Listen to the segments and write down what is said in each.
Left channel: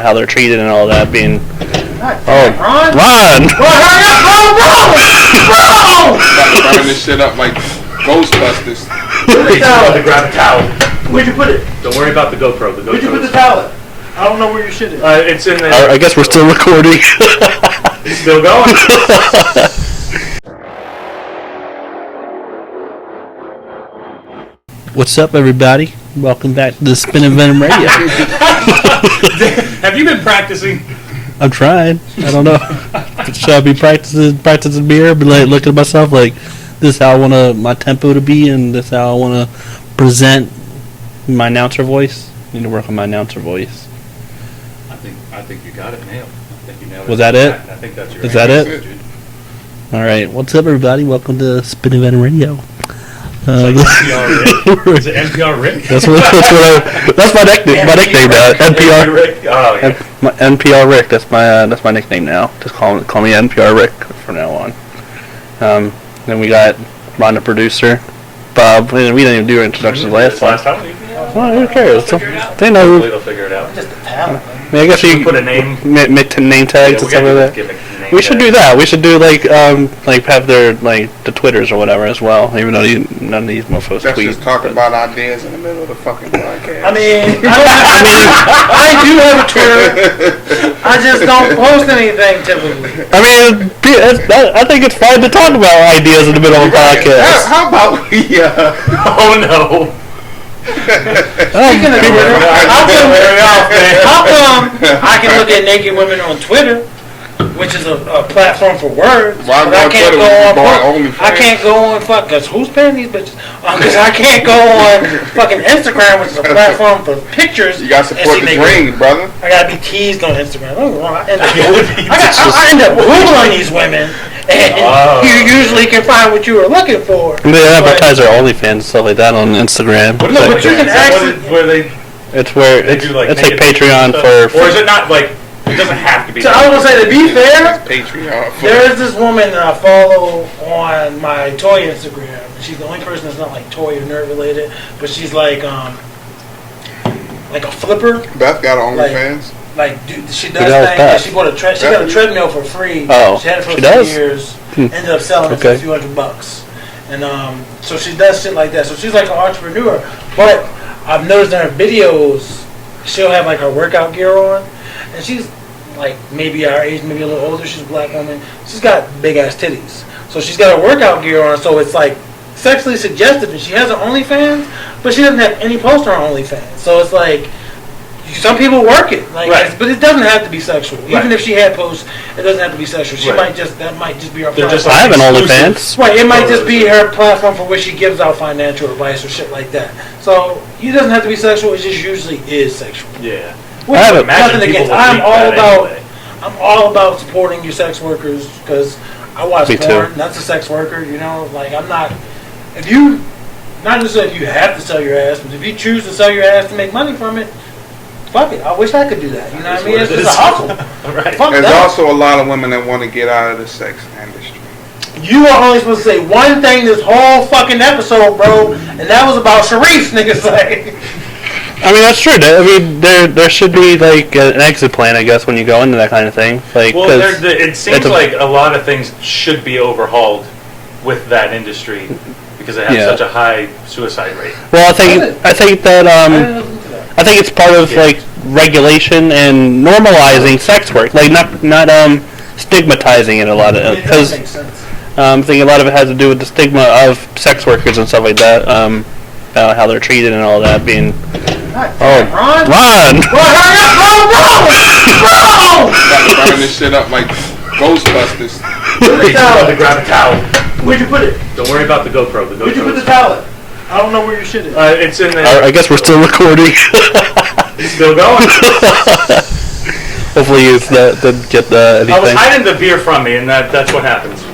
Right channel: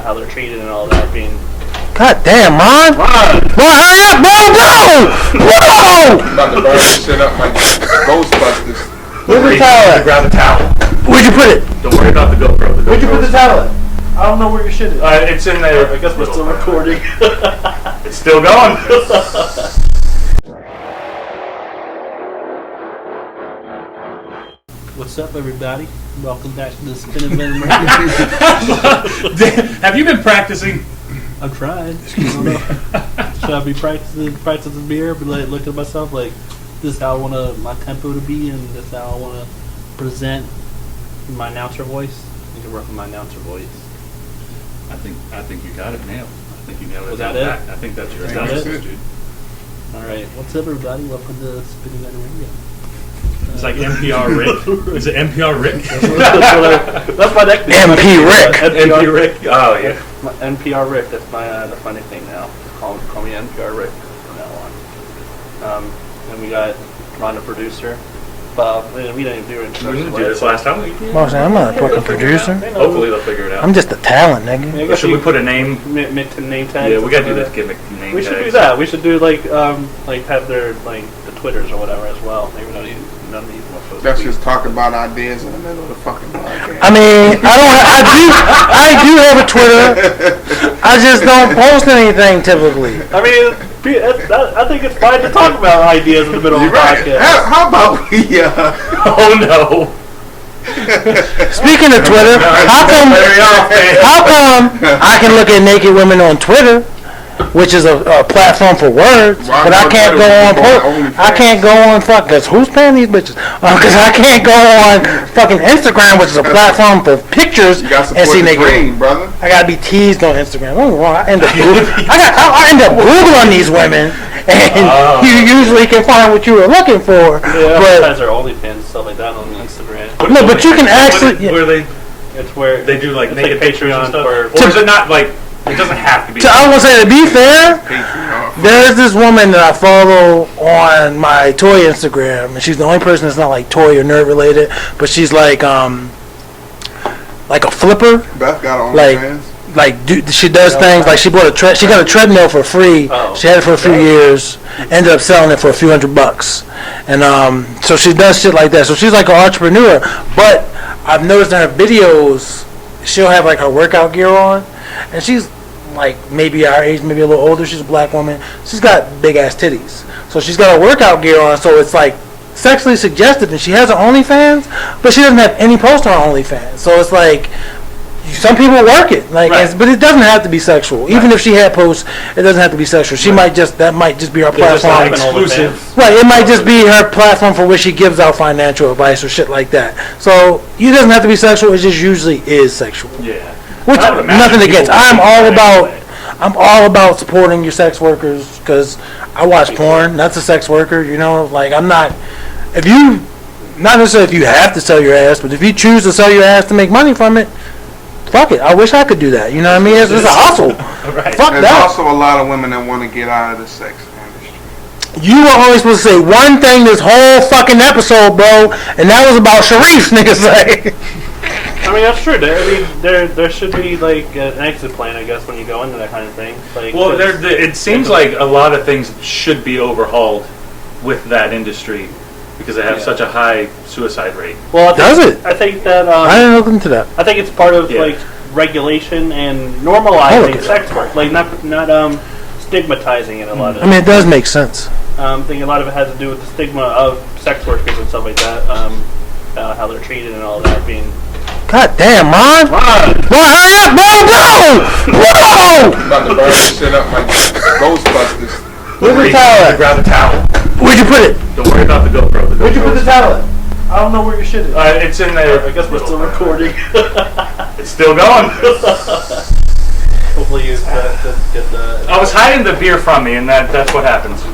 how they're treated and all that being... God damn, Ron! Ron! Go hurry up! No! I'm about to burn this shit up like Ghostbusters. Where's the towel at? Grab the towel. Where'd you put it? Don't worry about the GoPro. Where'd you put the towel at? I don't know where your shit is. It's in there. I guess we're still recording. It's still going. What's up, everybody? Welcome back to the Spin and Venom Radio. Have you been practicing? I'm trying. I don't know. Should I be practicing beer? Be like looking at myself like, this is how I want my tempo to be, and this is how I want to present my announcer voice. I need to work on my announcer voice. I think you got it nailed. I think you nailed it. Was that it? I think that's your. Is that it? All right. What's up, everybody? Welcome to Spin and Venom Radio. It's like NPR Rick. Is it NPR Rick? That's my nickname. My nickname, NPR Rick. Oh yeah. NPR Rick. That's my nickname now. Just call me NPR Rick from now on. Then we got Ron, the producer. Bob. We didn't even do introductions last time. I don't care. They know. Hopefully they'll figure it out. I'm just a talent, nigga. I guess you can put a name. Name tags and stuff like that. We should do that. We should do like have their the Twitters or whatever as well. Even though none of these motherfuckers That's tweet. just talking about ideas in the middle of the fucking podcast. I mean, I do have a Twitter. I just don't post anything typically. I mean, I think it's fine to talk about ideas in the middle of a podcast. How about we? Oh no. Speaking of Twitter, how come I can look at naked women on Twitter, which is a platform for words, but I can't go on. I can't go on cause who's paying these bitches? Cause I can't go on fucking Instagram, which is a platform for pictures, and see naked women. Brother. I gotta be teased on Instagram. I end up Googling these women. And you usually can find what you were looking for. They advertise their OnlyFans and stuff like that on Instagram. No, but you can actually. Where they? It's where they do like. It's like Patreon for. Or is it not like? It doesn't have to be. So I was gonna say, to be fair, there's this woman that I follow on my toy Instagram, and she's the only person that's not like toy or nerd related, but she's like a flipper. Beth got her OnlyFans. She does things like she bought she got a treadmill for free. Oh, she had it for 3 years. Ended up selling it for a few $100, and so she does shit like that. So she's like an entrepreneur. But I've noticed in her videos, she'll have like her workout gear on, and she's like maybe our age, maybe a little older. She's a black woman. She's got big ass titties, so she's got her workout gear on. So it's like sexually suggestive, and she has her OnlyFans, but she doesn't have any post on her OnlyFans. So it's like. Some people work it, but it doesn't have to be sexual. Even if she had posts, it doesn't have to be sexual. She might just be her platform. I have an OnlyFans. Right, it might just be her platform for which she gives out financial advice or shit like that. So it doesn't have to be sexual. It just usually is sexual. Yeah. Which nothing against. I'm all about supporting your sex workers because I watch porn. That's a sex worker. You know, I'm not. Not necessarily if you have to sell your ass, but if you choose to sell your ass to make money from it. Fuck it. I wish I could do that. You know what I mean? It's a hustle. Right. Fuck There's that. also a lot of women that want to get out of the sex industry. You were only supposed to say one thing this whole fucking episode, bro, and that was about Sharif, niggas. I mean, that's true. I mean, there should be like an exit plan, I guess, when you go into that kind of thing. It seems like a lot of things should be overhauled with that industry. Because it has such a high suicide rate. Well, I think that I didn't look into that. I think it's part of regulation and normalizing sex work, not stigmatizing it a lot. I mean, it does make sense. I think a lot of it has to do with the stigma of sex workers and stuff like that. How they're treated and all that being. God damn, Ron! Go hurry up! No! I'm about to burn this shit up like Ghostbusters. Grab the towel. Where'd you put it? Don't worry about the GoPro. Where'd you put the towel at? I don't know where your shit is. It's in there. I guess we're still recording. It's still going. Hopefully it's didn't get anything. I was hiding the beer from me, and that's what happens.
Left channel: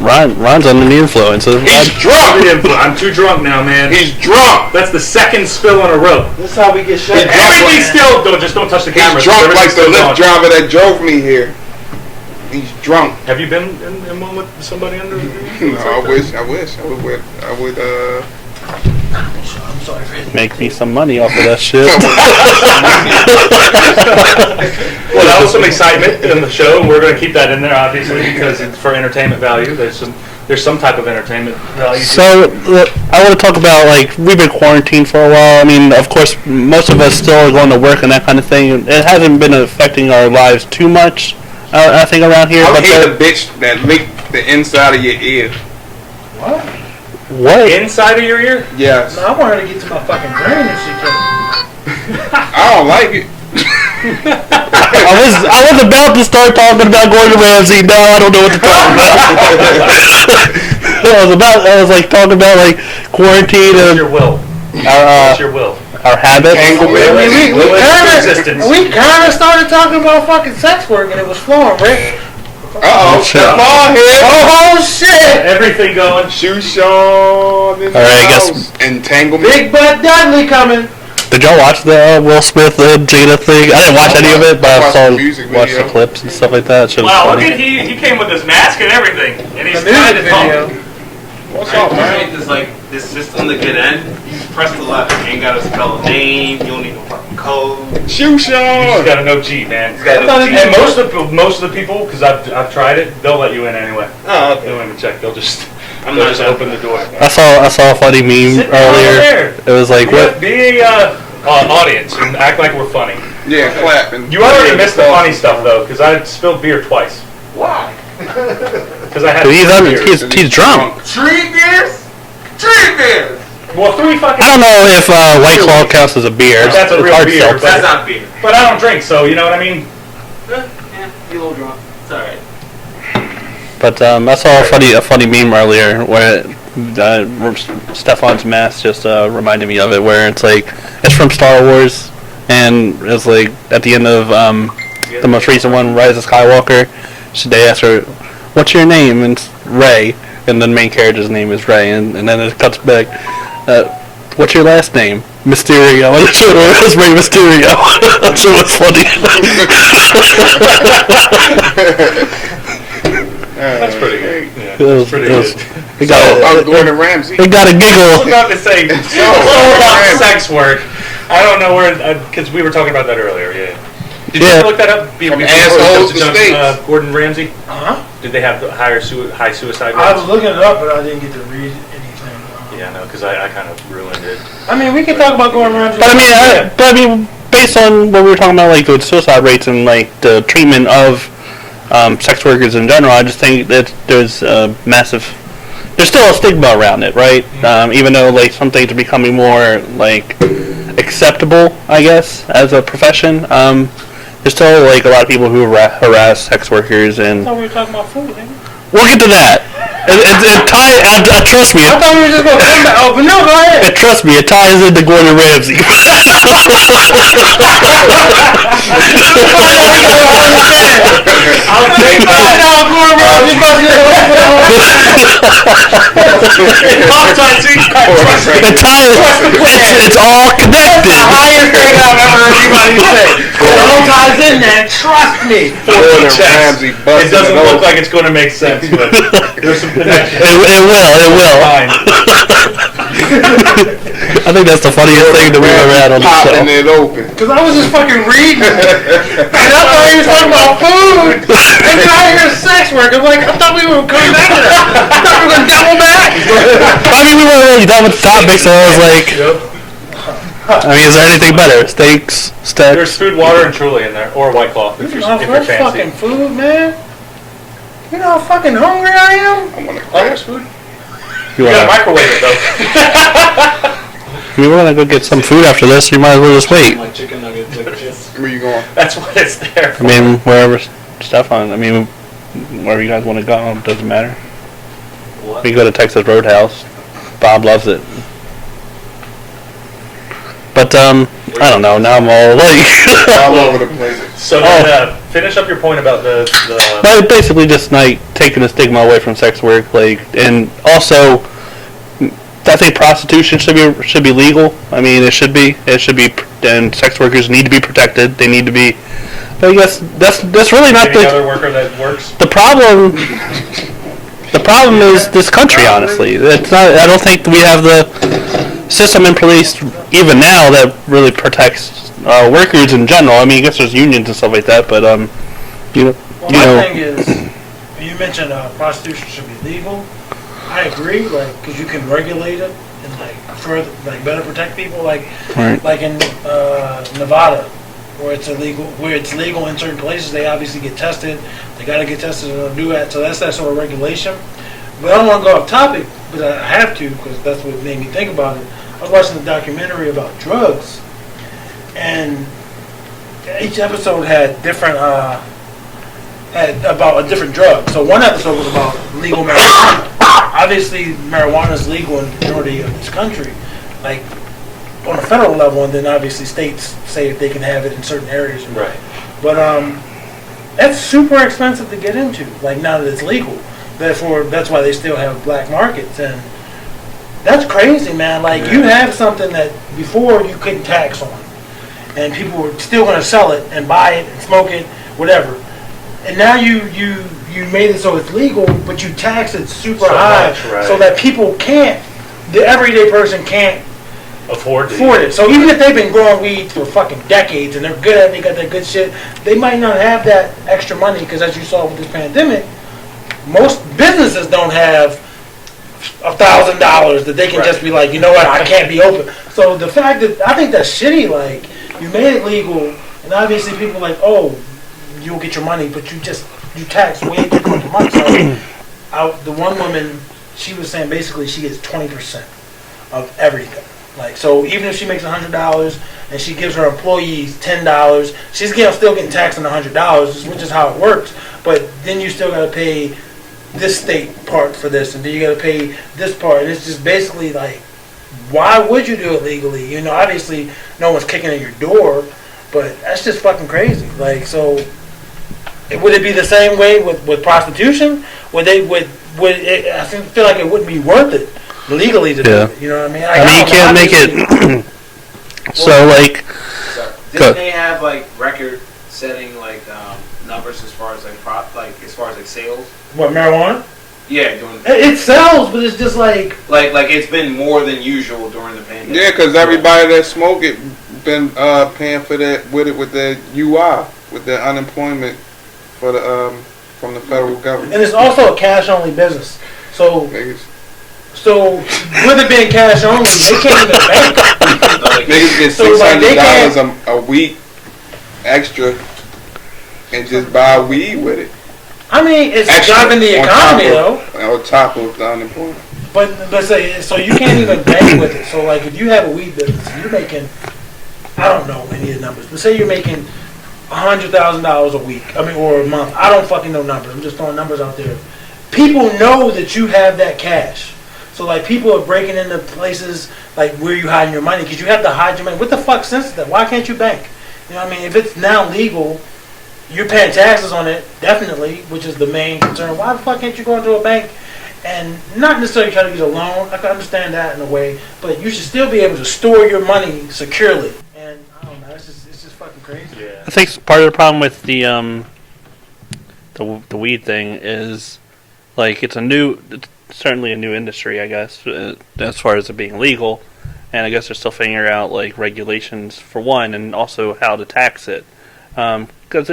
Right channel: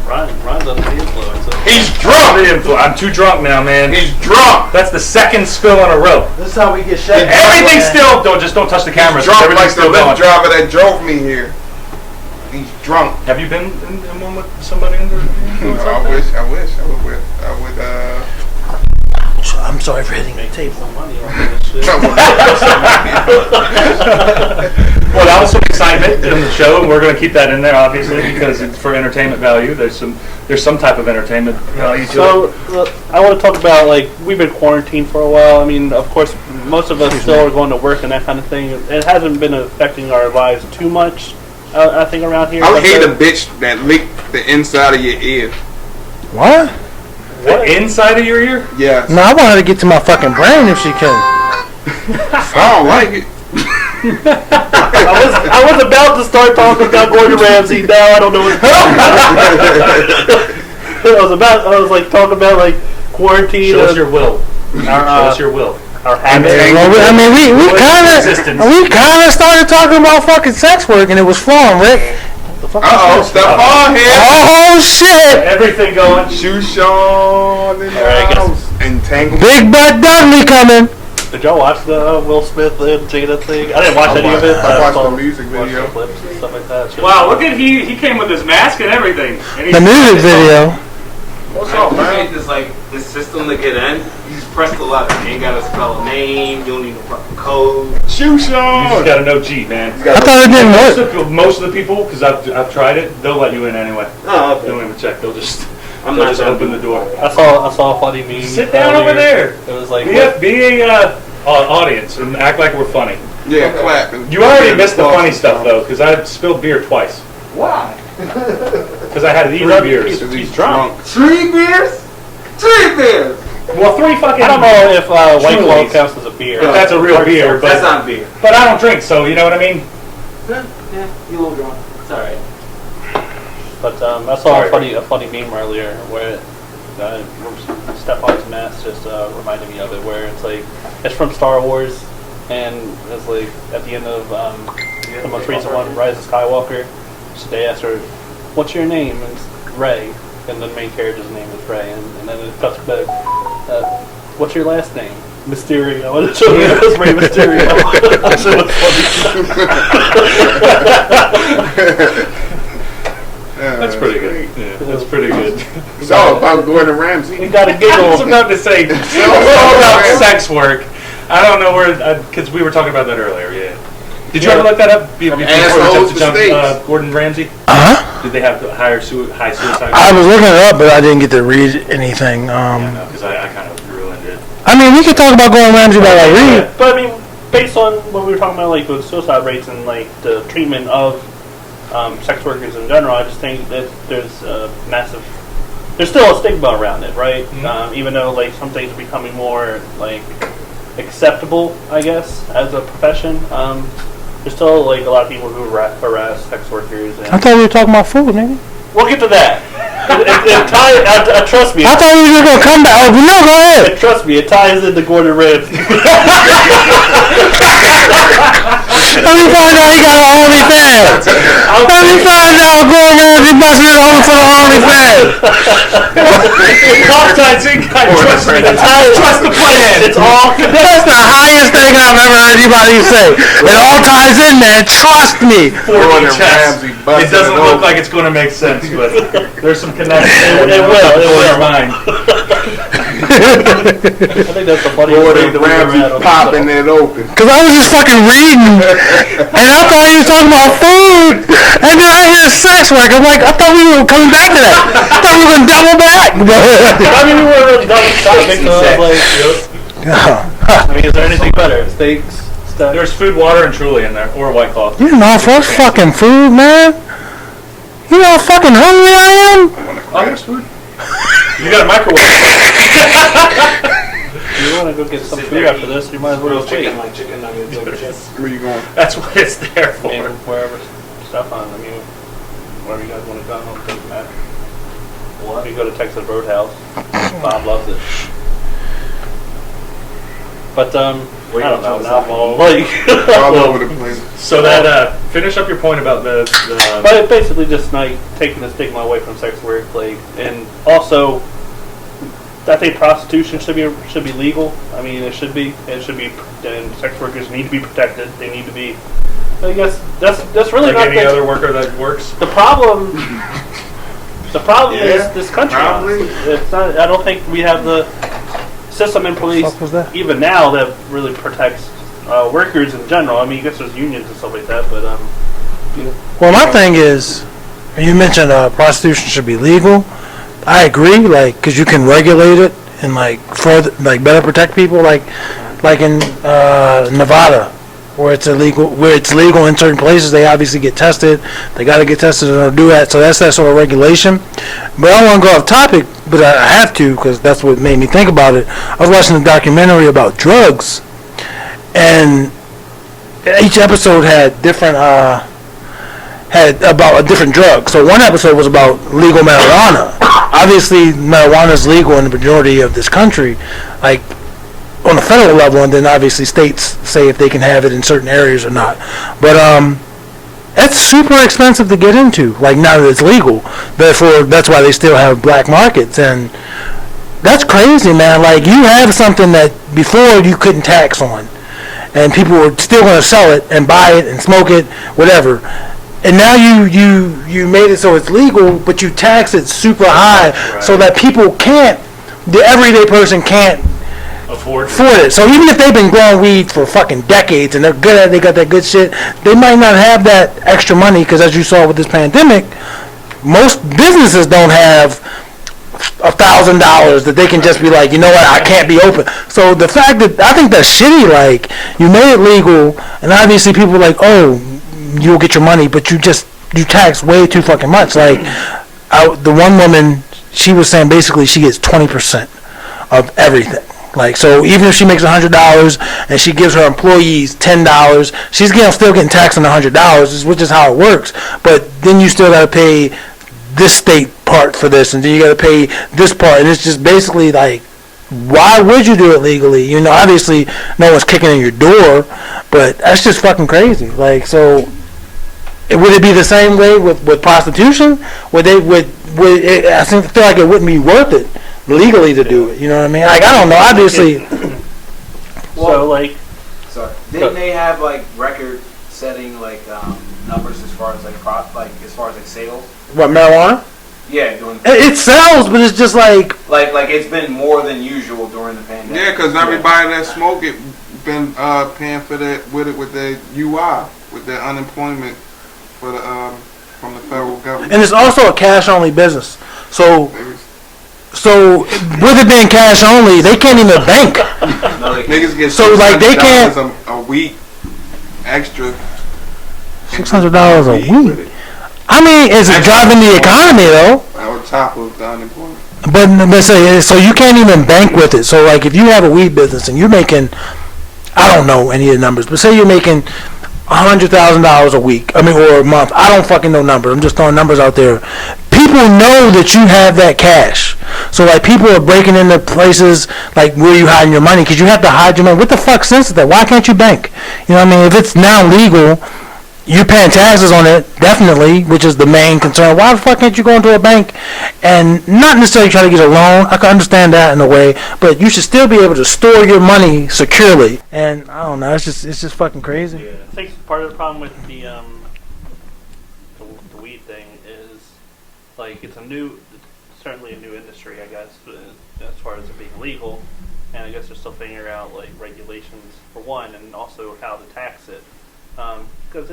Ron's under the influence. He's drunk. I'm too drunk now, man. He's drunk. That's the second spill on a rope. That's how we get shut down. Everything's still. Don't touch the camera. He's drunk like the lift Lyft driver that drove me here. He's drunk. Have you been in one with somebody under? I wish. I would. I'm sorry for hitting Make the me table. some money off of that shit. Well, that was some excitement in the show, and we're going to keep that in there, obviously, because it's for entertainment value. There's some type of entertainment value to So, I want to talk about, like, we've been quarantined for a while. I mean, of course, most of us still are going to work and that kind of thing. It hasn't been affecting our lives too much, I think, around here. I But hate a bitch that lick the inside of your ear. What? what? inside of your ear. Yes. No, I want her to get to my fucking brain if she can. I don't like it. I was about to start talking about Gordon Ramsay. Now I don't know what to talk about. I was like talking about like quarantine What's and your will? our What's your will? our habits. I mean, we Existence. kind of started talking about fucking sex work, and it was fun, Rick. Uh-oh. Come on here. Oh shit! Everything going. Shoe Shaw. All right, I guess. Entanglement. Big Butt Dudley coming. Did y'all watch the Will Smith Jada thing? I didn't watch any of it, but I saw the music watched the video. clips and stuff like that. Shit was Wow, look funny. at he came with his mask and everything. And he's The music video. What's up, man? Right, there's like this system to get in. You just press the letter. You ain't gotta spell a name. You don't need no fucking code. Shoe You just Shaw. got to know cheat, man. I thought it didn't work. Most of the people, because I've tried it, they'll let you in anyway. Oh, They don't even check. They'll just I'm they'll not just open the door. I saw a funny meme Sit down over earlier. there. It was like, Be a audience and act like we're funny. Yeah, clapping. You already missed the funny stuff though, because I spilled beer twice. Why? Because I had he's 3 beers. he's drunk. 3 beers? 3 beers. Well, 3 fucking. I don't know if White Claw counts as a beer. If that's a It's real hard to beer, tell. but- that's not beer. But I don't drink, so you know what I mean. Yeah, you a little drunk. It's alright. But I saw a funny meme earlier where Stefan's mask just reminded me of it, where it's like it's from Star Wars, and it's like at the end of the most recent one, Rise of Skywalker. So they ask her, "What's your name?" And it's Rey, and the main character's name is Rey, and then it cuts back. What's your last name? Mysterio. I showed her it was Rey Mysterio. That shit was funny. That's pretty good. It was pretty it was- good. It So, got, I'm Gordon Ramsay. it got a I was giggle. about to say, talk about sex work. I don't know where, because we were talking about that earlier. Yeah. Did you Yeah. ever look that up before you assholes jumped to to jump states. Gordon Ramsay? Huh? Did they have high suicide I rate? was looking it up, but I didn't get to read anything. Yeah, no, because I kind of ruined it. I mean, we can talk about Gordon Ramsay. But without reading it. I mean, based on what we were talking about, like the suicide rates and like the treatment of sex workers in general, I just think that there's a massive. There's still a stigma around it, right? Even though like some things are becoming more like acceptable, I guess, as a profession. There's still like a lot of people who harass sex workers, I and thought we were talking about food, nigga. we'll get to that. And trust me. I thought we were just gonna come back. Oh, no, go ahead. Trust me, it ties into Gordon Ramsay. Let me find out he got an OnlyFans. Let me find out Gordon Ramsay must get home for the OnlyFans. The ties, it's all That's connected. the highest thing I've ever heard anybody say. It all ties in there. Trust me. Gordon Ramsay It busting doesn't look open. like it's going to make sense, but there's some connection. It will. Fine. I think that's the funniest thing that we've ever had on the show. Popping it open. Cause I was just fucking reading, and I thought he was talking about food, and then I hear sex work. I'm like, I thought we were coming back to that. I thought we were gonna double back. I mean, we weren't really done with the topic, so I was like, I mean, is there anything better? Steaks, There's steaks. food, water, and Truly in there, or White Claw. You know, for that fucking food, man. You know how fucking hungry I am. Oh, there's food. You got a microwave, so. If you want to go get some food after this, you might as well just wait. Like chicken nuggets and shit. Where you going? That's what it's there I for. mean, wherever Stefan, I mean, wherever you guys want to go, it doesn't matter. We can go to Texas Roadhouse. Bob loves it. But, I don't know, now I'm all like... All over the place. So then, finish up your point about the But basically just like taking the stigma away from sex work, like, and also I think prostitution should be legal. I mean, it should be, and sex workers need to be protected. They need to be. I guess that's really not any the other worker that works. the problem. The problem is this country. Honestly, it's not. I don't think we have the system in place even now that really protects workers in general. I mean, I guess there's unions and stuff like that, but you know. Well, my thing is, you mentioned prostitution should be legal. I agree, like, because you can regulate it and like further, like better protect people, like in Nevada, where it's illegal, where it's legal in certain places. They obviously get tested. They got to get tested in order to do that. So that's that sort of regulation. But I don't want to go off topic, but I have to because that's what made me think about it. I was watching a documentary about drugs, and each episode had different about a different drug. So one episode was about legal marijuana. Obviously, marijuana is legal in the majority of this country, like on a federal level, and then obviously states say if they can have it in certain areas or not. But that's super expensive to get into. Like now that it's legal, therefore that's why they still have black markets, and that's crazy, man. Like you have something that before you couldn't tax on, and people were still going to sell it and buy it and smoke it, whatever. And now you made it so it's legal, but you tax it super high, so that people can't, the everyday person can't afford it. So even if they've been growing weed for fucking decades and they're good at it, they got that good shit, they might not have that extra money because, as you saw with this pandemic, most businesses don't have $1,000 that they can just be like, you know what, I can't be open. So the fact that I think that's shitty. Like you made it legal, and obviously people are like, oh, you'll get your money, but you tax way too fucking much. Like the one woman, she was saying basically she gets 20% of everything. Like, so even if she makes $100 and she gives her employees $10, she's still getting taxed on $100, which is how it works. But then you still got to pay this state part for this, and then you got to pay this part, and it's just basically like, why would you do it legally? You know, obviously no one's kicking in your door, but that's just fucking crazy. Like, so would it be the same way with prostitution? I feel like it wouldn't be worth it legally to do it. You know what I mean? Like, I don't know. So like, didn't they have like record-setting like numbers as far as like sales? What, marijuana? Yeah, during the it sells, but it's just like it's been more than usual during the pandemic. Yeah, because everybody that smoke it been paying for that with the UI, with the unemployment for the from the federal government. And it's also a cash-only business. So with it being cash only, they can't even bank. Niggas get so like they can't a week extra. $600 a week. I mean, it's a job in the economy, though. On top of the unemployment. But let's say, so you can't even bank with it. So like, if you have a weed business and you're making, I don't know any of the numbers, but say you're making $100,000 a week, or a month. I don't fucking know numbers. I'm just throwing numbers out there. People know that you have that cash. So like, people are breaking into places like where you hiding your money, because you have to hide your money. What the fuck sense is that? Why can't you bank? You know what I mean? If it's now legal, you're paying taxes on it, definitely, which is the main concern. Why the fuck can't you go into a bank and not necessarily try to get a loan? I can understand that in a way, but you should still be able to store your money securely. And I don't know, it's just fucking crazy. I think part of the problem with the weed thing is, like, it's certainly a new industry, I guess, as far as it being legal, and I guess they're still figuring out like regulations for one, and also how to tax it. Because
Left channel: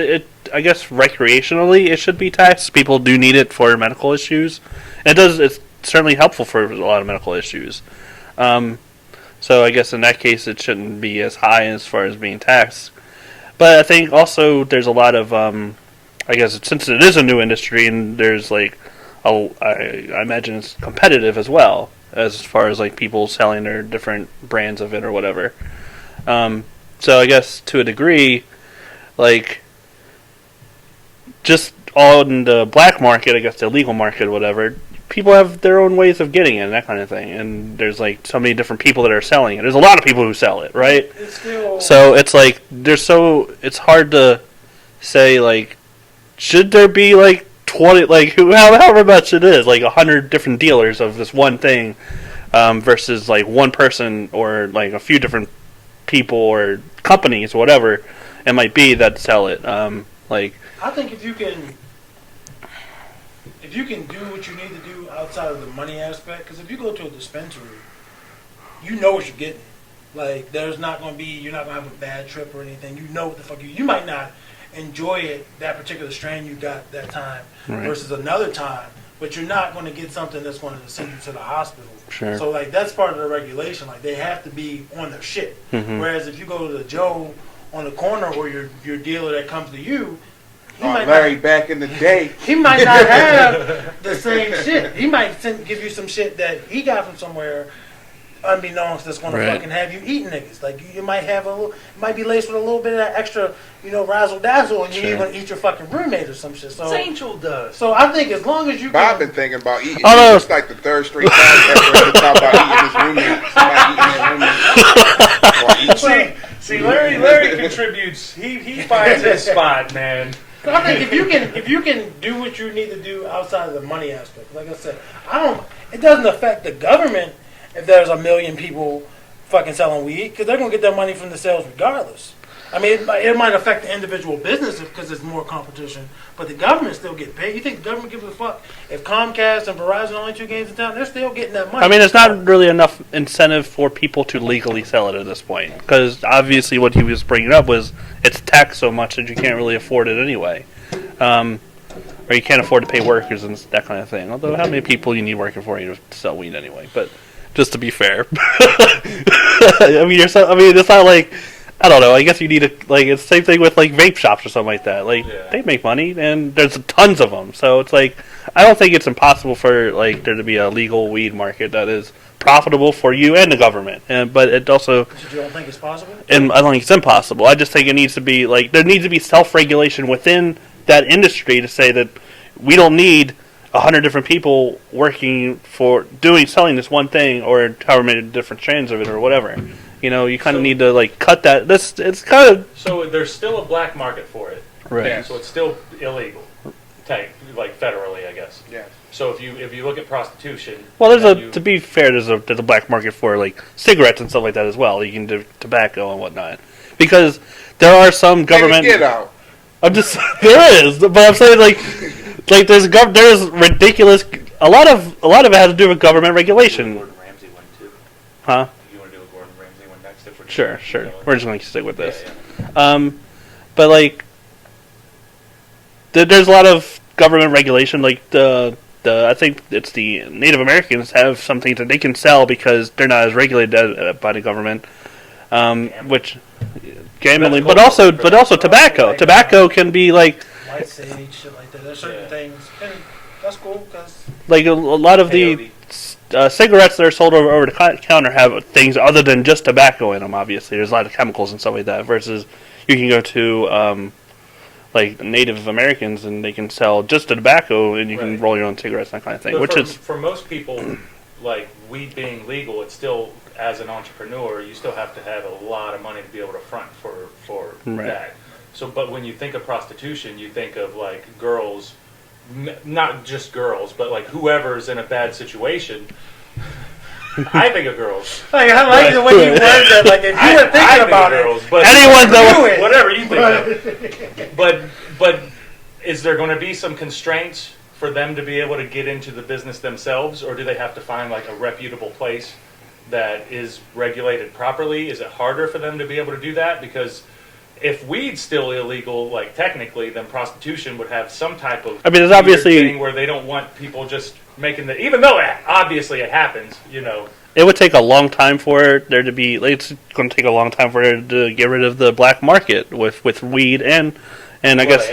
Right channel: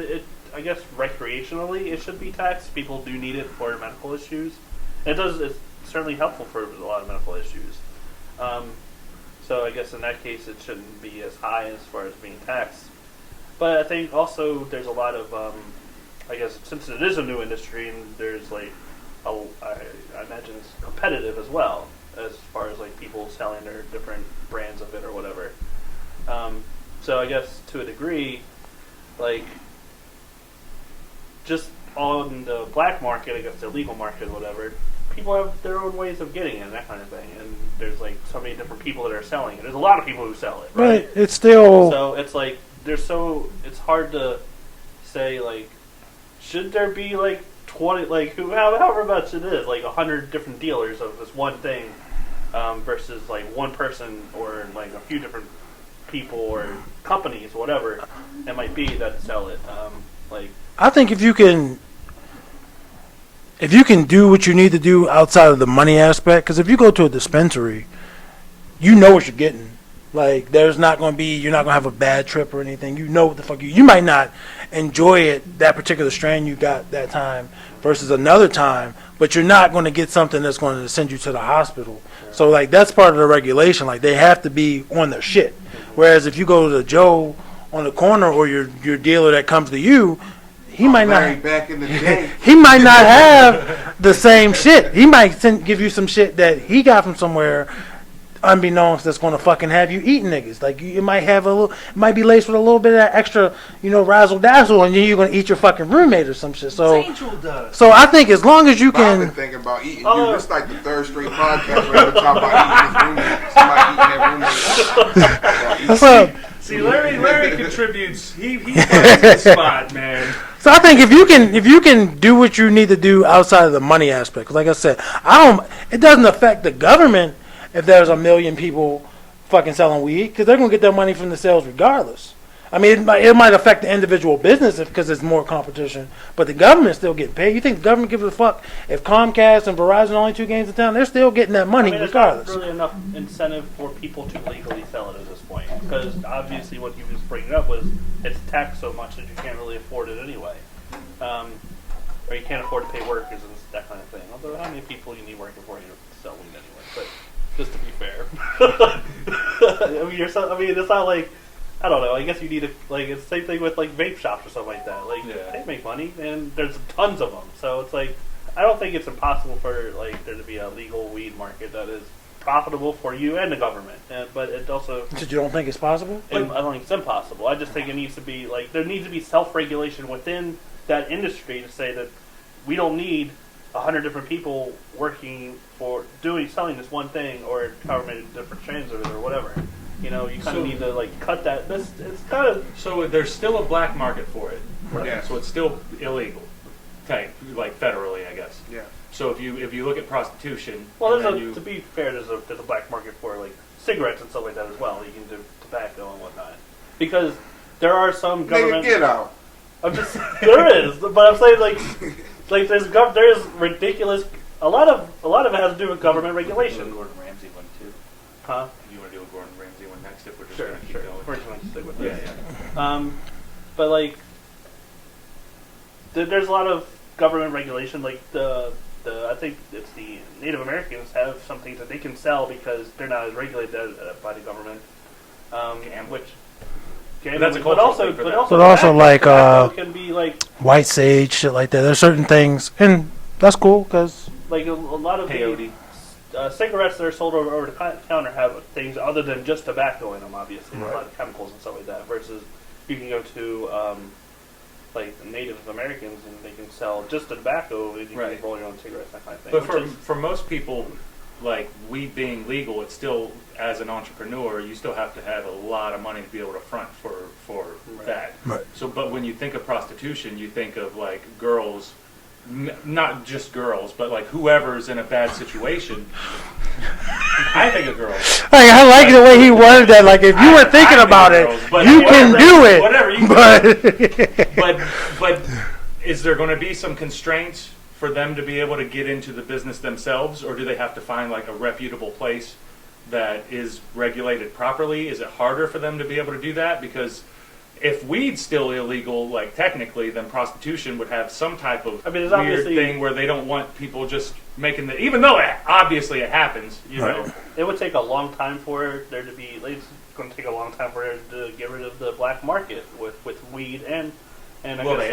I guess recreationally it should be taxed. People do need it for medical issues. It's certainly helpful for a lot of medical issues. So I guess in that case it shouldn't be as high as far as being taxed. But I think also there's a lot of, I guess since it is a new industry and there's like, I imagine it's competitive as well, as far as like people selling their different brands of it or whatever. So I guess to a degree, like, just on the black market, I guess the illegal market or whatever, people have their own ways of getting it and that kind of thing. And there's like so many different people that are selling it. There's a lot of people who sell it, right? It's still... So it's like, it's hard to say, like, should there be like 20, like, however much it is, like 100 different dealers of this one thing, versus like one person or like a few different people or companies, whatever it might be, that sell it. Like, I think if you can do what you need to do outside of the money aspect, because if you go to a dispensary, you know what you're getting. Like, there's not going to be, you're not going to have a bad trip or anything. You know what the fuck you might not enjoy it, that particular strain you got that time versus another time, but you're not going to get something that's going to send you to the hospital. Sure. So, like, that's part of the regulation. Like, they have to be on their shit. Whereas if you go to the Joe on the corner or your dealer that comes to you, he might not. Back in the day. He might not have the same shit. He might give you some shit that he got from somewhere, unbeknownst, that's going to fucking have you eating niggas. Like, you might have a little, it might be laced with a little bit of that extra, razzle dazzle, and you're going to eat your fucking roommate or some shit. So, Angel does. so I think as long as you I've can. been thinking about eating. Oh, no. It's like the Third Street podcast. Talking about eating his roommate. See, Larry contributes. He finds his spot, man. So I think if you can do what you need to do outside of the money aspect, 'cause like I said, it doesn't affect the government if there's a million people fucking selling weed, because they're gonna get their money from the sales regardless. I mean, it might affect the individual business because there's more competition, but the government still get paid. You think the government gives a fuck if Comcast and Verizon are only 2 games in town? They're still getting that money. I mean, there's not really enough incentive for people to legally sell it at this point, because obviously what he was bringing up was it's taxed so much that you can't really afford it anyway, or you can't afford to pay workers and that kind of thing. Although, how many people you need working for you to sell weed anyway? But just to be fair, I mean, it's not like. I don't know. I guess you need it's the same thing with like vape shops or something like that. Like they make money and there's tons of them. So it's like I don't think it's impossible for like there to be a legal weed market that is profitable for you and the government. But it also. But you don't think it's possible? And I don't think it's impossible. I just think it needs to be there needs to be self-regulation within that industry to say that we don't need 100 different people working for selling this one thing or however many different strands of it or whatever. You kind of need to cut that. It's kind of So there's still a black market for it. Right. Yeah, so it's still illegal, federally, I guess. Yeah. So if you look at prostitution, well. and To be fair, there's a black market for cigarettes and stuff like that as well. You can do tobacco and whatnot because there are some government. Get out. I'm just there is, but I'm saying there's ridiculous. A lot of it has to do with government regulation. Gordon Ramsay one too. Huh? You want to do a Gordon Ramsay one next? If we're Sure. We're just going to stick with this. Yeah. But there's a lot of government regulation. I think it's the Native Americans have something that they can sell because they're not as regulated by the government. Which gambling, but also tobacco. Tobacco can be White sage, shit like that. There's certain things, and that's cool because a lot of the cigarettes that are sold over the counter have things other than just tobacco in them. Obviously, there's a lot of chemicals and stuff like that. Versus, you can go to Native Americans and they can sell just the tobacco, and you can roll your own cigarettes and that kind of thing. But for most people, weed being legal, it's still, as an entrepreneur, you still have to have a lot of money to be able to front for that. Right. So, but when you think of prostitution, you think of girls. Not just girls, but whoever's in a bad situation. I think of girls. I like the way he words that. If you were thinking about it, but anyone do it. Whatever you do. But is there going to be some constraints for them to be able to get into the business themselves, or do they have to find a reputable place that is regulated properly? Is it harder for them to be able to do that? Because if weed's still illegal, technically, then prostitution would have some type of there's obviously thing where they don't want people just making even though obviously it happens, know. It would take a long time for there to be. It's going to take a long time for there to get rid of the black market with weed and I guess.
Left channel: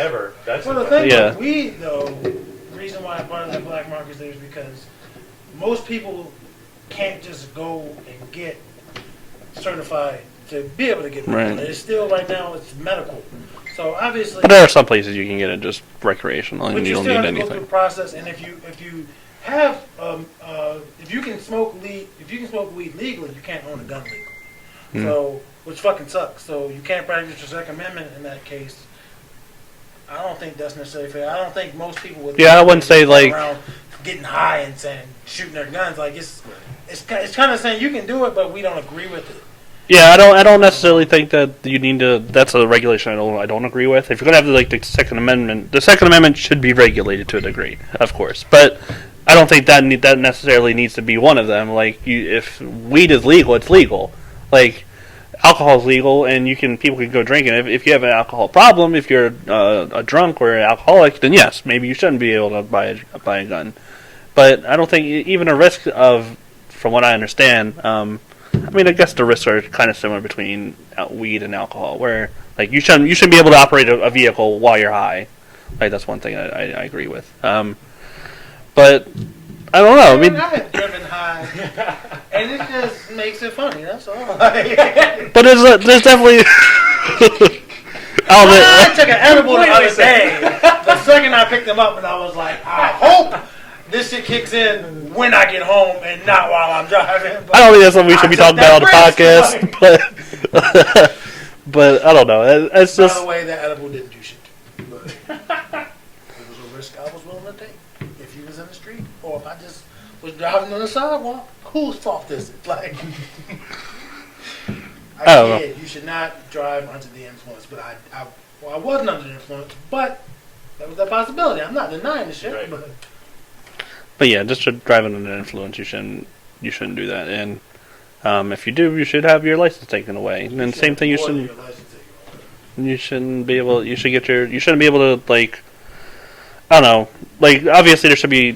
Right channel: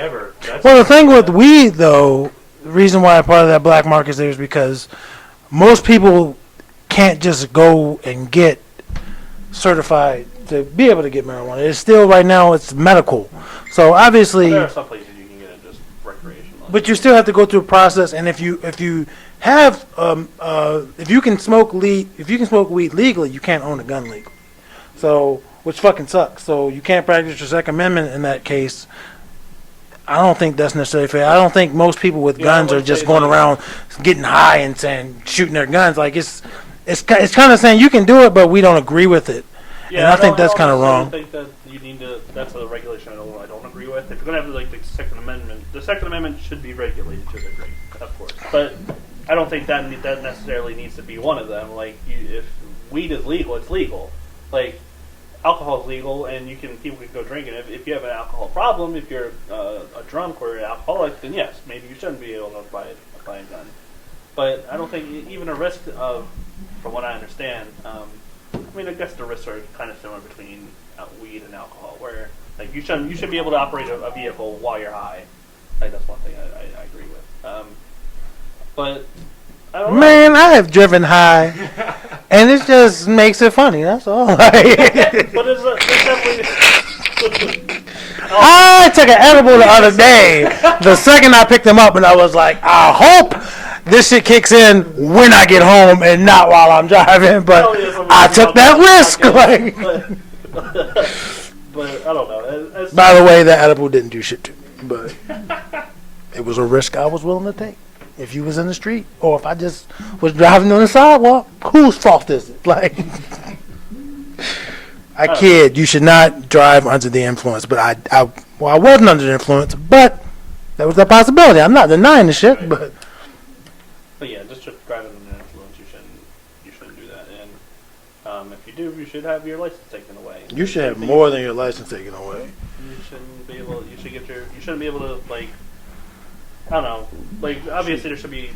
The thing with weed, though, the reason why part of that black market is there is because most people can't just go and get certified to be able to get marijuana. Right. It's still right now it's medical. So obviously there are some places you can get it just recreational. But you still have to go through a process, and if you have if you can smoke weed legally, you can't own a gun legally. So which fucking sucks. So you can't practice your Second Amendment in that case. I don't think that's necessarily fair. I don't think most people with guns I wouldn't are just say going around getting high and saying shooting their guns. It's kind of saying you can do it, but we don't agree with it. Yeah, I don't necessarily think that you need to. That's a regulation I don't agree with. If you're gonna have the Second Amendment should be regulated to a degree, of course. But I don't think that that necessarily needs to be one of them. Like, if weed is legal, it's legal. Like, alcohol is legal, and people can go drinking. If you have an alcohol problem, if you're a drunk or an alcoholic, then yes, maybe you shouldn't be able to buy a gun. But I don't think even a risk of, from what I understand, I mean, I guess the risks are kind of similar between weed and alcohol, where like you shouldn't be able to operate a vehicle while you're high. Like, that's one thing I agree with. But I don't know. Man, I have driven high, and it just makes it funny. That's all. But there's definitely. I took an edible the other day. The second I picked them up, and I was like, I hope this shit kicks in when I get home and not while I'm driving. But I don't think that's something we should be talking about on the podcast. But I don't know. By the way, that edible didn't do shit to me, but it was a risk I was willing to take. If you was in the street, or if I just was driving on the sidewalk, whose fault is it? Like, I kid, you should not drive under the influence. But I wasn't under the influence, but that was a possibility. I'm not denying the shit, but yeah, just driving under the influence, you shouldn't do that. And if you do, you should have your license taken away. You should have more than your license taken away. You shouldn't be able. You shouldn't be able to, like, I don't know. Like, obviously, there should be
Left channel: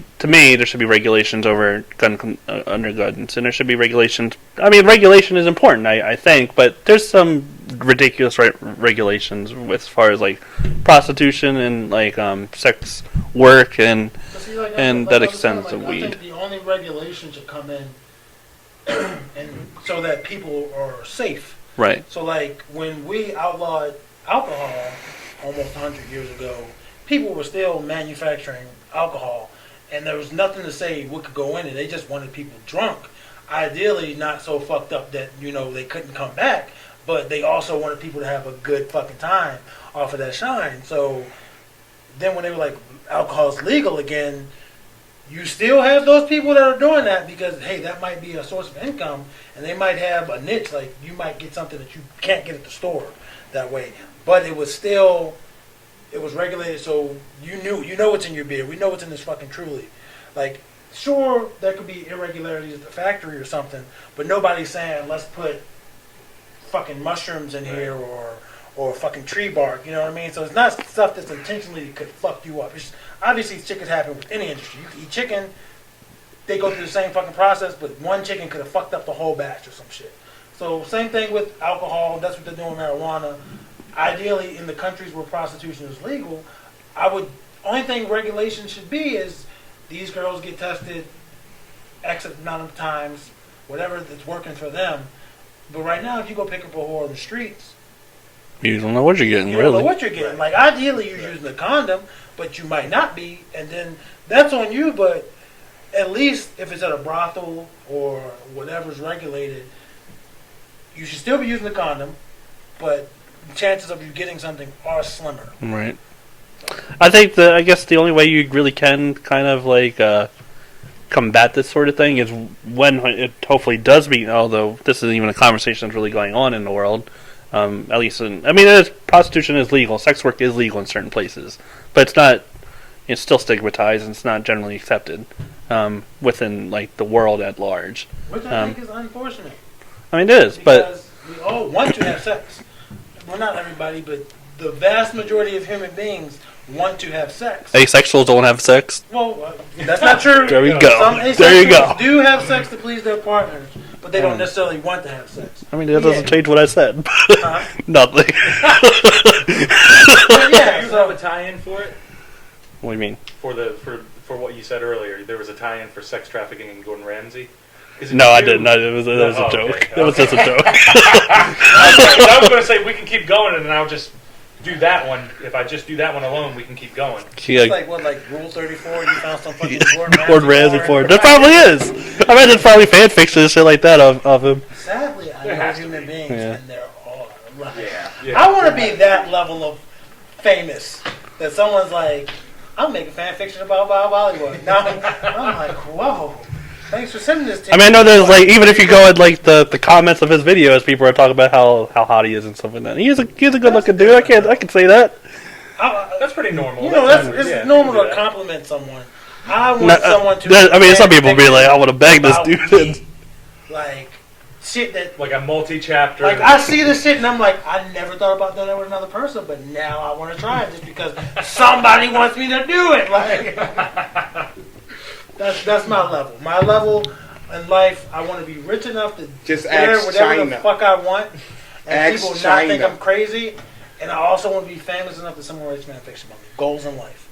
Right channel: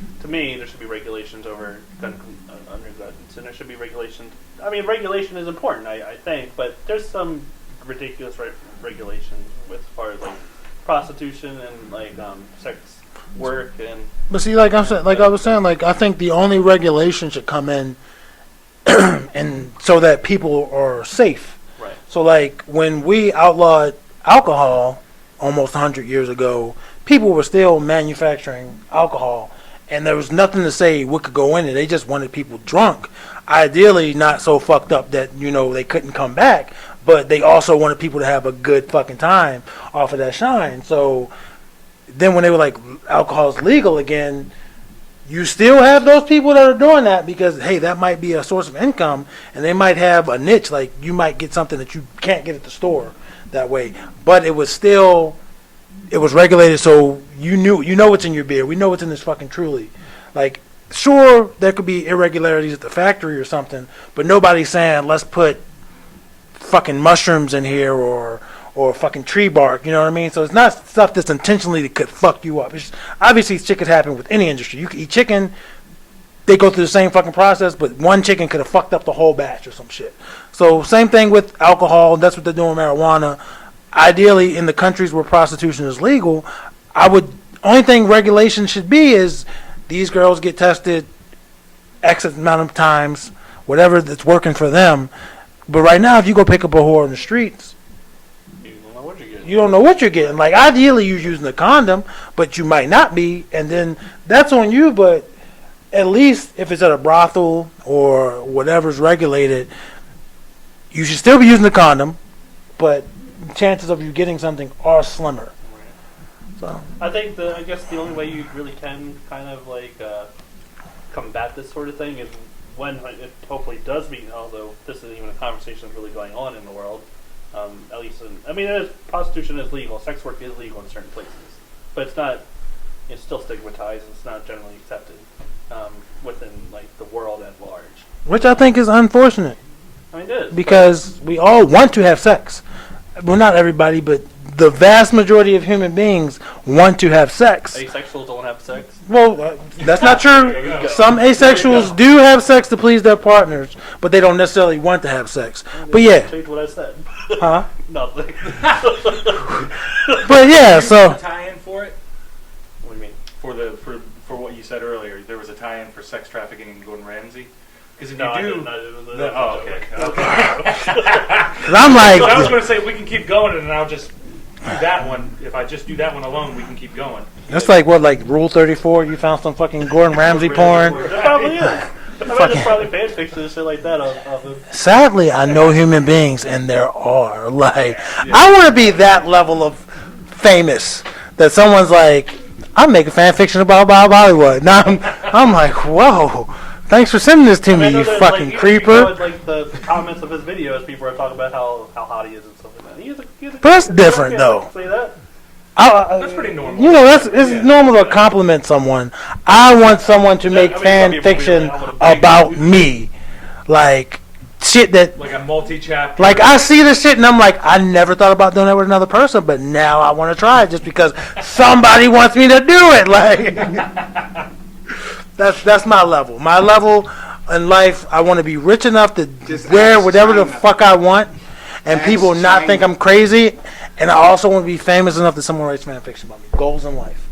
regulations over under guns, and there should be regulations. I mean, regulation is important, I think, but there's some ridiculous regulations as far as like prostitution and like sex work and. But see, like I was saying, like I think the only regulation should come in, and so that people are safe. Right. So, like when we outlawed alcohol almost 100 years ago, people were still manufacturing alcohol, and there was nothing to say what could go in it. They just wanted people drunk. Ideally, not so fucked up that, they couldn't come back, but they also wanted people to have a good fucking time off of that shine. So then when they were like, alcohol is legal again, you still have those people that are doing that because, hey, that might be a source of income, and they might have a niche. Like, you might get something that you can't get at the store that way. But it was regulated, so you know what's in your beer. We know what's in this fucking Truly. Like, sure, there could be irregularities at the factory or something, but nobody's saying let's put fucking mushrooms in here or fucking tree bark. You know what I mean? So it's not stuff that's intentionally that could fuck you up. It's just, obviously, shit could happen with any industry. You could eat chicken, they go through the same fucking process, but one chicken could have fucked up the whole batch or some shit. So same thing with alcohol. That's what they're doing with marijuana. Ideally, in the countries where prostitution is legal, only thing regulation should be is these girls get tested X amount of times, whatever that's working for them. But right now, if you go pick up a whore in the streets, you don't know what you're getting. You don't know what you're getting. Like, ideally, you're using a condom, but you might not be, and then that's on you. But at least if it's at a brothel or whatever's regulated, you should still be using the condom, but chances of you getting something are slimmer. Right. So. I guess the only way you really can kind of like combat this sort of thing is when it hopefully does be, although this isn't even a conversation that's really going on in the world, at least prostitution is legal, sex work is legal in certain places, but it's still stigmatized and it's not generally accepted within like the world at large. Which I think is unfortunate. I mean, it is. Because we all want to have sex. Well, not everybody, but the vast majority of human beings want to have sex. Asexuals don't have sex? Well, that's not true. There we go. Some asexuals do have sex to please their partners, but they don't necessarily want to have sex. I mean, it doesn't change what I said. Huh? Nothing. But yeah, so... Tie-in for it? What do you mean? For what you said earlier, there was a tie-in for sex trafficking in Gordon Ramsay? No, I didn't. That was a joke. Okay. That was just a joke. I'm like... I was going to say, we can keep going, and then I'll just do that one. If I just do that one alone, we can keep going. It's like Rule 34? You found some fucking Gordon Ramsay porn? There probably is. I bet there's probably fan fiction and shit like that of him. Sadly, I know human beings, and there are. Like, I want to be that level of famous that someone's like, I'm making fan fiction about Bollywood. Now I'm like, whoa. Thanks for sending this to me. I mean, I know that like even if you go at like the comments of his videos, people are talking about how hot he is and stuff like that. He's a good looking dude. I can say that. That's pretty normal. You know, it's Yeah. normal to compliment someone. I want someone to. I mean, some fan people be fiction like, I want to bag about this dude. me, like shit that. Like a multi-chapter. Like I see this shit and I'm like, I never thought about doing that with another person, but now I want to try it just because somebody wants me to do it. Like that's my level. My level in life, I want to be rich enough to Just wear ask whatever the China. fuck I want, and Ask people not think China. I'm crazy. And I also want to be famous enough that someone writes fan fiction about me. Goals in life.